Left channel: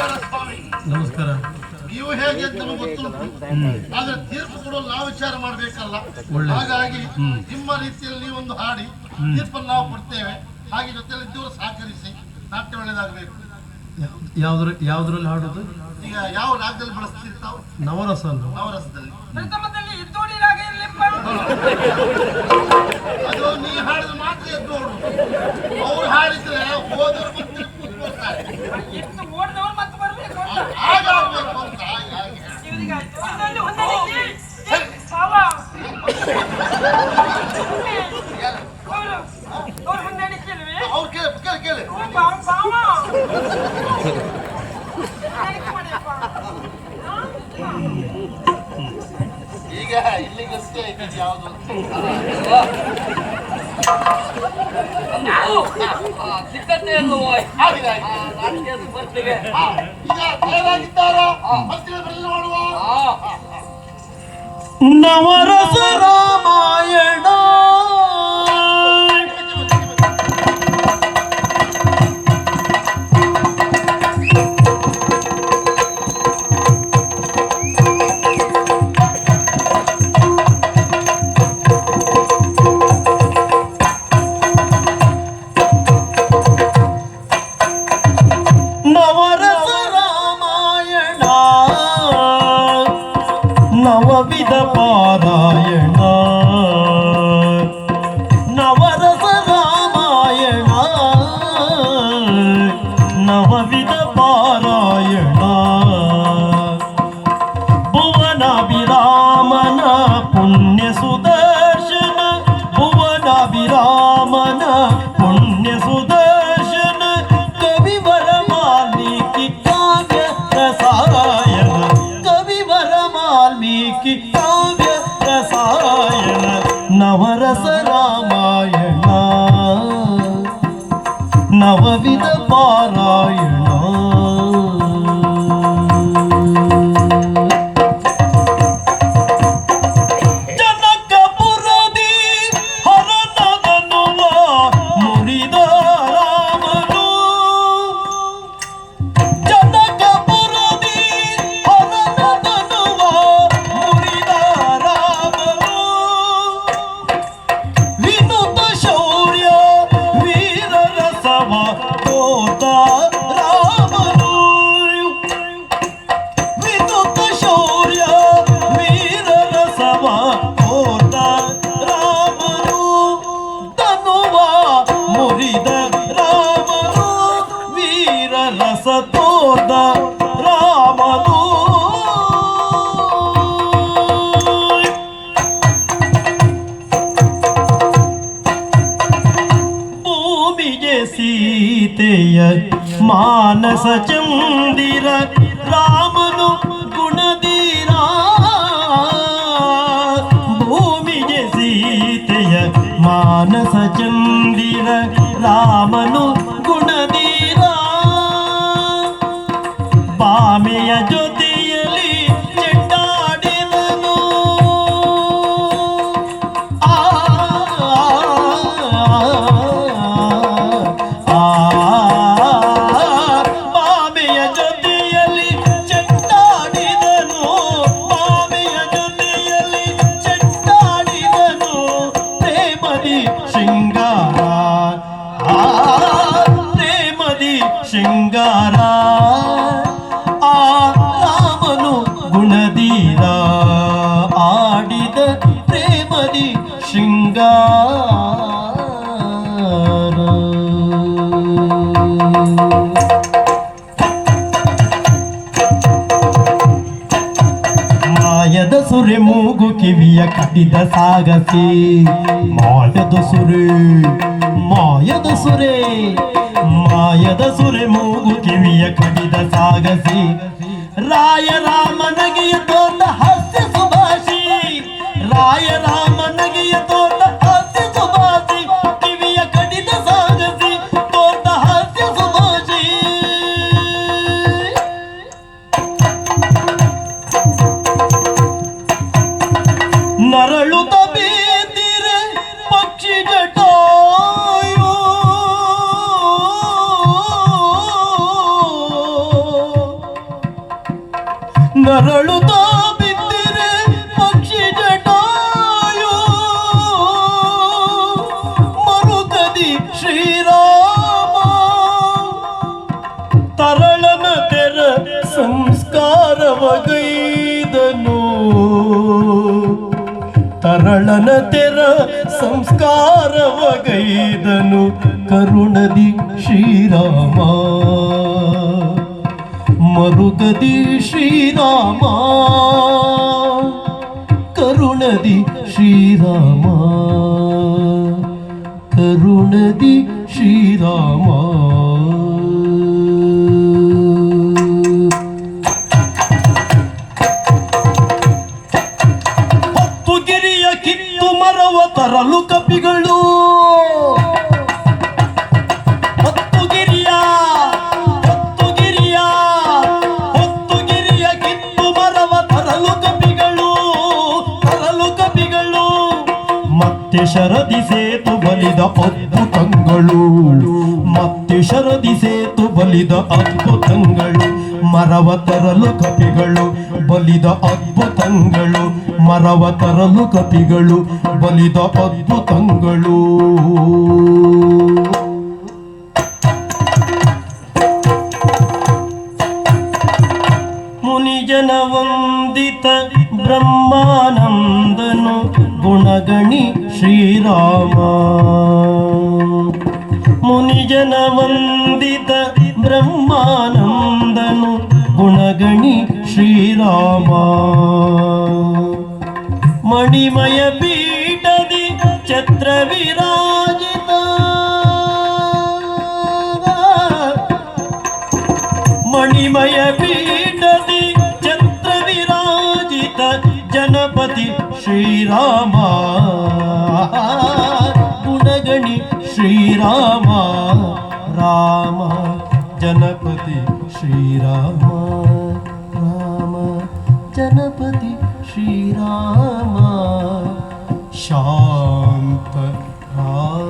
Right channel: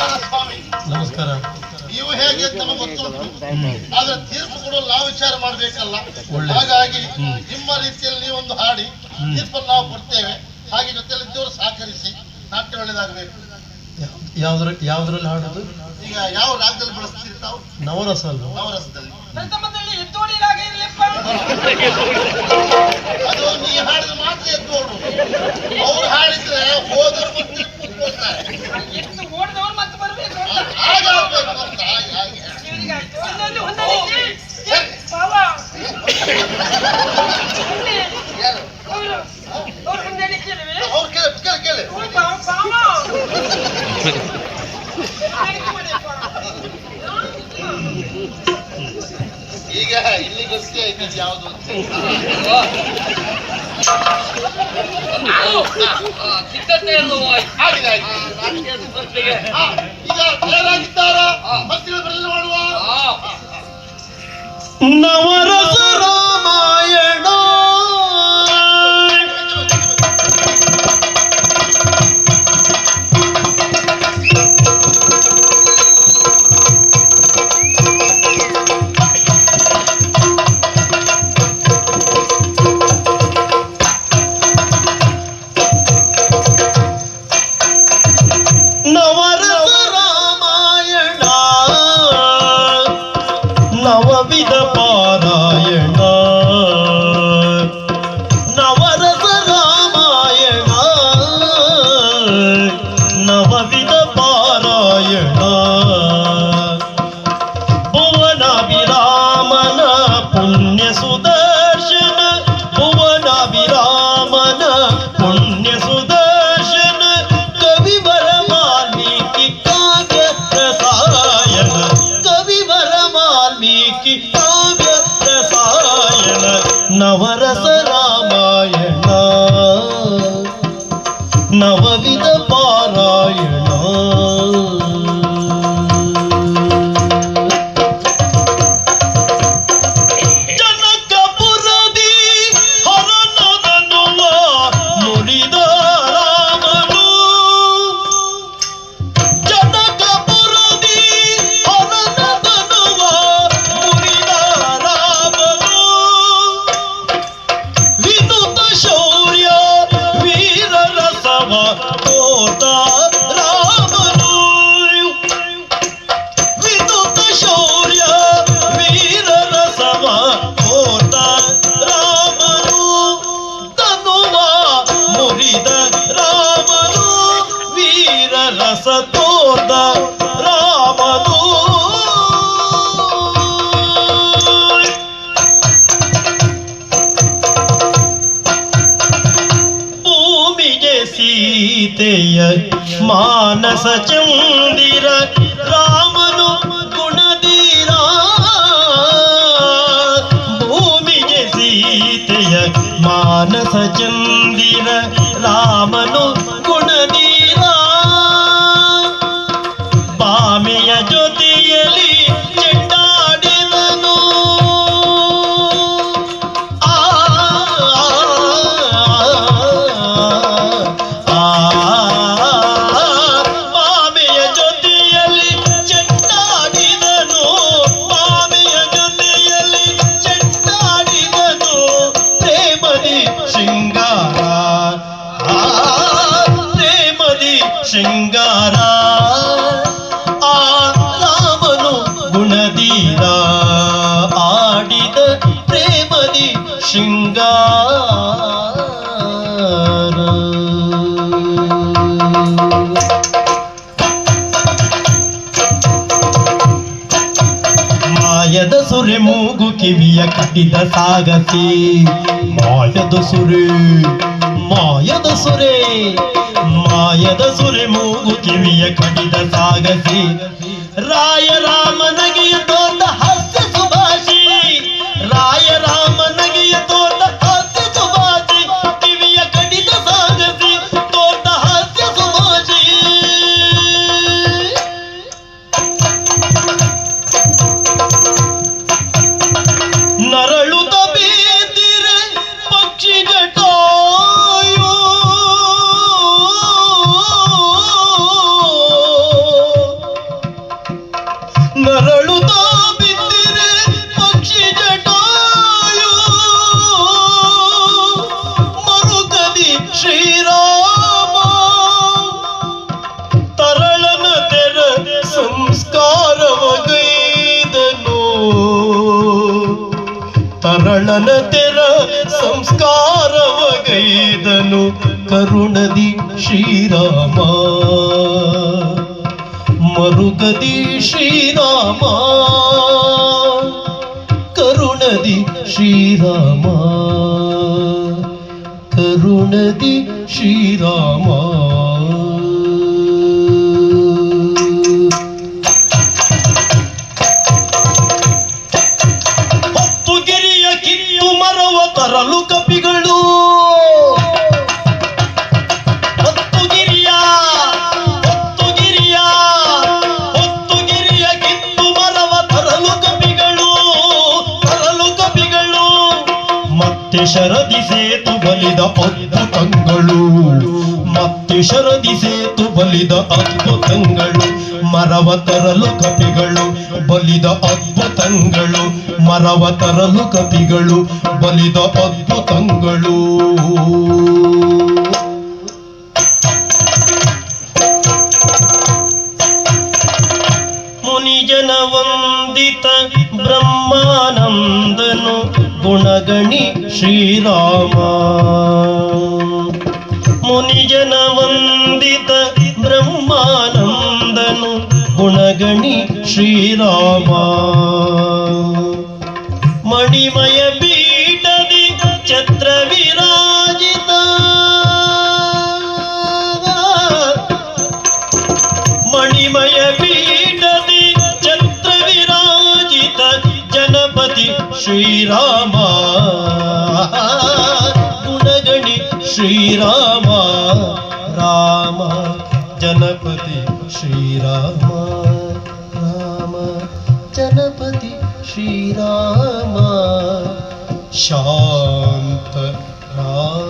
ನಮಸ್ಕಾರ ಸ್ವಾಮಿ. ನಮಸ್ಕಾರ. ನೀವು ಹೇಗೆ ಅಂತ ನಮಗೆ ಗೊತ್ತುಂಟು, ಆದ್ರೆ ತೀರ್ಪು ಕೊಡಲು ನಾವು ವಿಚಾರ ಮಾಡ್ಬೇಕಲ್ಲ. ಹಾಗಾಗಿ ನಿಮ್ಮ ರೀತಿಯಲ್ಲಿ ನೀವೊಂದು ಹಾಡಿ ತೀರ್ಪನ್ನು ನಾವು ಕೊಡ್ತೇವೆ. ಹಾಗೆ ಜೊತೆಯಲ್ಲಿ ಇದ್ದವರು ಸಹಕರಿಸಿ ನಾಟ್ಯ ಒಳ್ಳೆದಾಗಬೇಕು. ಯಾವ್ದ್ರಲ್ಲಿ ಹಾಡುದು? ಈಗ ಯಾವ ರಾಗದಲ್ಲಿ ಬಳಸ್ತೀರಿ ತಾವು? ನವರಸ ಅಲ್ಲ? ನವರಸದಲ್ಲಿ ಅದು ನೀ ಹಾಡಿದ ಮಾತ್ರ ಎದ್ದೋಡು. ಅವ್ರು ಹಾಡಿದ್ರೆ ಹೋದವರು ಹಾಗಾಗ್ಬೇಕು ಅಂತ ಅವ್ರು ಕೇಳಿ ಈಗ ಇಲ್ಲಿ ಗೊತ್ತೇ ಆಯ್ತು ಯಾವುದು ಸಿದ್ಧತೆಯನ್ನು ಈಗ ತಯಾರಾಗಿದ್ದಾರ ಮಂತ್ರಿಗಳು ಬರಲು ಮಾಡುವ ನವರಸ ರಾಮಾಯಣ ನವವಿಧ ಪಾರಾಯಣ ನವರಸ ರಾಮಾಯಣ ನವವಿಧ ಪಾರಾಯಣ ಭುವನಾಭಿರಾಮನ ಪುಣ್ಯ ಸುದರ್ಶನ ಭುವನಾಭಿರಾಮನ ಪುಣ್ಯ ಸುದರ್ಶನ ಕವಿವರ ವಾಲ್ಮೀಕಿ ಕಾವ್ಯ ರಸಾಯನ ಕವಿವರ ವಾಲ್ಮೀಕಿ ಕಾವ್ಯ ರಸಾಯನ ನವರಸ ರಾಮಾಯಣ ನವವಿಧ ಪಾರಾಯಣ ರಸ ತೋರ್ದ ರಾಮನು ಭೂಮಿಗೆ ಸೀತೆಯ ಮಾನಸ ಚಂದಿರ ರಾಮನು ಗುಣದೀರ ಭೂಮಿಗೆ ಸೀತೆಯ ಮಾನಸ ಚಂದಿರ ರಾಮನು ಗುಣದೀರ ಬಾಮೆಯ ಜೊತೆಯಲ್ಲಿ ಚೆಂಡಾಡಿದನು ಬಾಮೆಯ ಜೊತೆಯಲ್ಲಿ ಚೆಂಡಾಡಿದನು ಬಾಮೆಯ ಜೊತೆಯಲ್ಲಿ ಚೆಂಡಾಡಿದನು ಪ್ರೇಮದಿ ಶೃಂಗಾರ ಪ್ರೇಮದಿ ಶೃಂಗಾರ ಗುಣದೀರ ಆಡಿದ ಪ್ರೇಮದಿ ಶೃಂಗಾರ ಮಾಯದ ಸುರೆ ಮೂಗು ಕಿವಿಯ ಕಟ್ಟಿದ ಸಾಗಸಿ ಮಾಯದ ಸುರೆ ಮಾಯದ ಸುರೆ ಮಾಯದ ಸುರೆ ಮೂಗು ಕಿವಿಯ ಕಟ್ಟಿದ ಸಾಗಸಿ ರಾಯ ರಾಮನಗಿಯ ತೋಟ ಹಾಸ್ಯ ಸುಭಾಷಿ ರಾಯ ರಾಮನಗಿಯ ತೋಟ ಹಾಸ್ಯ ಸುಭಾಷಿ ಕಿವಿಯ ಕಡಿದ ಸಾಗಸಿ ತೋಟ ಹಾಸ್ಯ ಸುಭಾಷಿ ನರಳುತ್ತ ಬೇದಿರೆ ಪಕ್ಷಿ ಜಟಾಯೋ ನರಳುತ್ತಾ ಬಿದ್ದಿರೆ ಪಕ್ಷಿ ಜಟಾಯು ಮರುಕದಿ ಶ್ರೀರಾಮ ತರಳನ ತೆರ ಸಂಸ್ಕಾರವಗೈದನು ತರಳನ ತೆರ ಸಂಸ್ಕಾರವಗೈದನು ಕರುಣದಿ ಶ್ರೀರಾಮ ಮರುಗದಿ ಶ್ರೀರಾಮ ಕರುಣದಿ ಶ್ರೀರಾಮ ಕರುಣದಿ ಶ್ರೀರಾಮ ಹೊತ್ತು ಗೆರೆಯ ಕಿತ್ತು ಮರವ ತರಲು ಕಪಿಗಳು ಮತ್ತೆ ಶರದಿ ಸೇತು ಬಲಿದ ಅದ್ಭುತಗಳು ಮತ್ತೆ ಶರದಿ ಸೇತು ಬಲಿದ ಅದ್ಭುತಗಳು ಮರವ ತರಲು ಕಪಿಗಳು ಬಲಿದ ಅದ್ಭುತಗಳು ಮರವ ತರಲು ಕಪಿಗಳು ಬಲಿದ ಅದ್ಭುತಗಳು ಮುನಿಜನ ವಂದಿತ ಬ್ರಹ್ಮಾನಂದನು ಗುಣಗಣಿ ಶ್ರೀರಾಮ ಮುನಿಜನ ವಂದಿತ ಬ್ರಹ್ಮಾನಂದನು ಗುಣಗಣಿ ಶ್ರೀರಾಮ ಮಣಿಮಯ ಪೀಠದಿ ಛತ್ರ ವಿರಾಜಿತ ಮಣಿಮಯ ಪೀಠದಿ ಛತ್ರ ವಿರಾಜಿತ ಜನಪತಿ ಶ್ರೀರಾಮ ಗುಣಗಣಿ ಶ್ರೀರಾಮ ರಾಮ ಜನಪತಿ ಶ್ರೀರಾಮ ರಾಮ ಜನಪತಿ ಶ್ರೀರಾಮ ಶಾಂತ ರಾಮ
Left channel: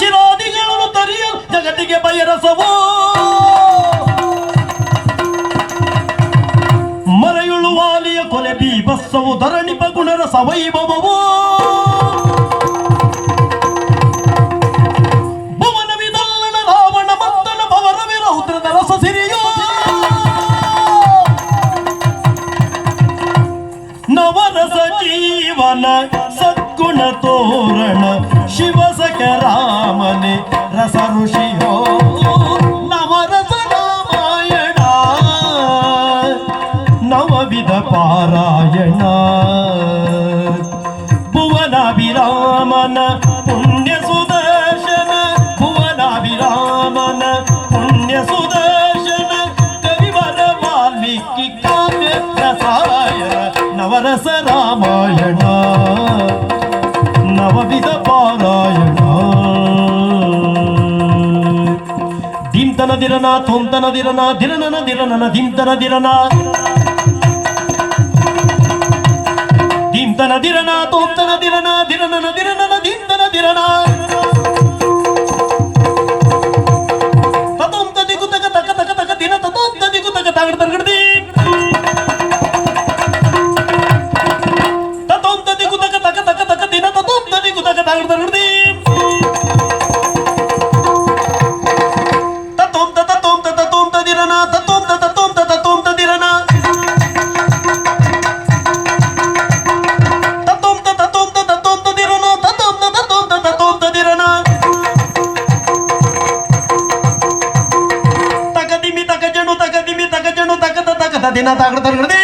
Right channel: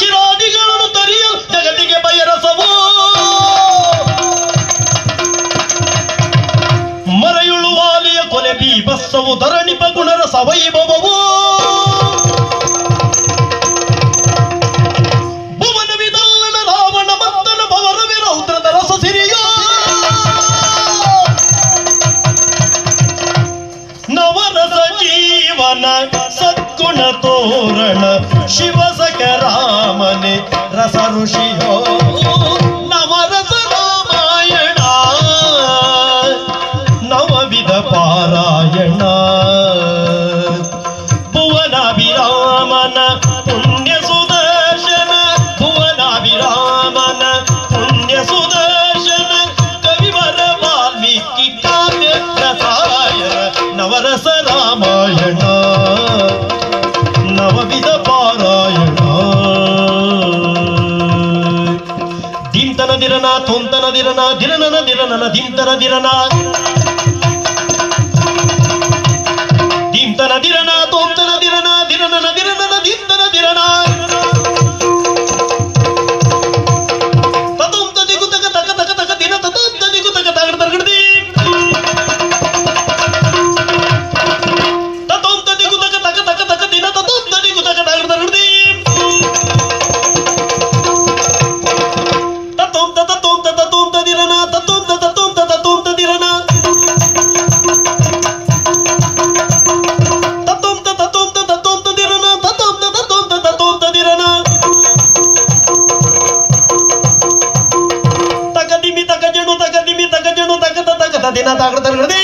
ಶಿರಾದಿಗಳನ್ನು ತರಿಯಲು ಜಗತ್ತಿಗೆ ಬಯರಸವೋ ಮರೆಯುಳು ವಾಲಿಯ ಕೊಲೆ ಬೀಭತ್ಸವು ಧರಣಿಪ ಗುಣರ ಸವೈಭವವೋ ಭುವನ ವಿದಲ್ಲನ ರಾವಣ ಮತ್ತನ ಭವರ ವಿರೌದ್ರದ ರಸ ಸಿರಿಯ ನವರಸ ಜೀವನ ಸದ್ಗುಣ ತೋರಣ ಶಿವಸಕ ರಾಮನೆ ರಸ ಋಷಿಯೋ ನವರಸ ರಾಮಾಯಣ ನವವಿಧ ಪಾರಾಯಣ ಭುವನಾಭಿರಾಮನ ಪುಣ್ಯ ಸುದರ್ಶನ ಭುವನಾಭಿರಾಮನ ಪುಣ್ಯ ಸುದರ್ಶನ ಕವಿವರ ವಾಲ್ಮೀಕಿ ಕಾವ್ಯ ರಸಾಯನ ನವರಸ ರಾಮಾಯಣ ನವವಿಧ ಪಾರಾಯಣ ದಿಂತನ ದಿರನ ತೊಂತನ ದಿರನ ದಿರನನ ದಿರನನ ದಿಂತನ ದಿರನ ದಿಂತನ ದಿರನ ತೊಂತನ ದಿರನ ದಿರನನ ದಿರನನ ದಿಂತನ ದಿರನ ತತೋಂತ ದಿಗುತಕ ತಕ ತಕ ತಕ ದಿನ ತತೋಂತ ದಿಗುತಕ ತಗಡ ತಗಡದಿ ತತೋಂತ ದಿಗುತಕ ತಕ ತಕ ತಕ ದಿನ ತತೋಂತ ದಿಗುತಕ ತಗಡ ತಗಡದಿ ತತೋಂತ ತತೋಂತ ತತೋಂತ ದಿರನ ತತೋಂತ ತತೋಂತ ತತೋಂತ ದಿರನ ತತೋಂತ ತತೋಂತ ತತೋಂತ ದಿರನ ತತೋಂತ ತತೋಂತ ತತೋಂತ ದಿರನ ತಕದಿಮಿ ತಕಜಣು ತಕದಿಮಿ ತಕಜಣು ತಕದ ತಕದ ದಿನ ತಗಡ ತಗಡದಿ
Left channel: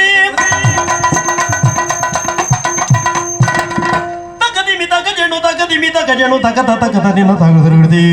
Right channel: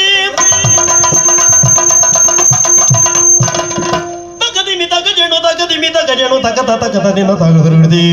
ತಕದಿಮಿ ತಕಜಣು ತಕದಿಮಿ ತಕಜಣು ತಕದ ತಕದ ದಿನ ತಗಡ ತಗಡದಿ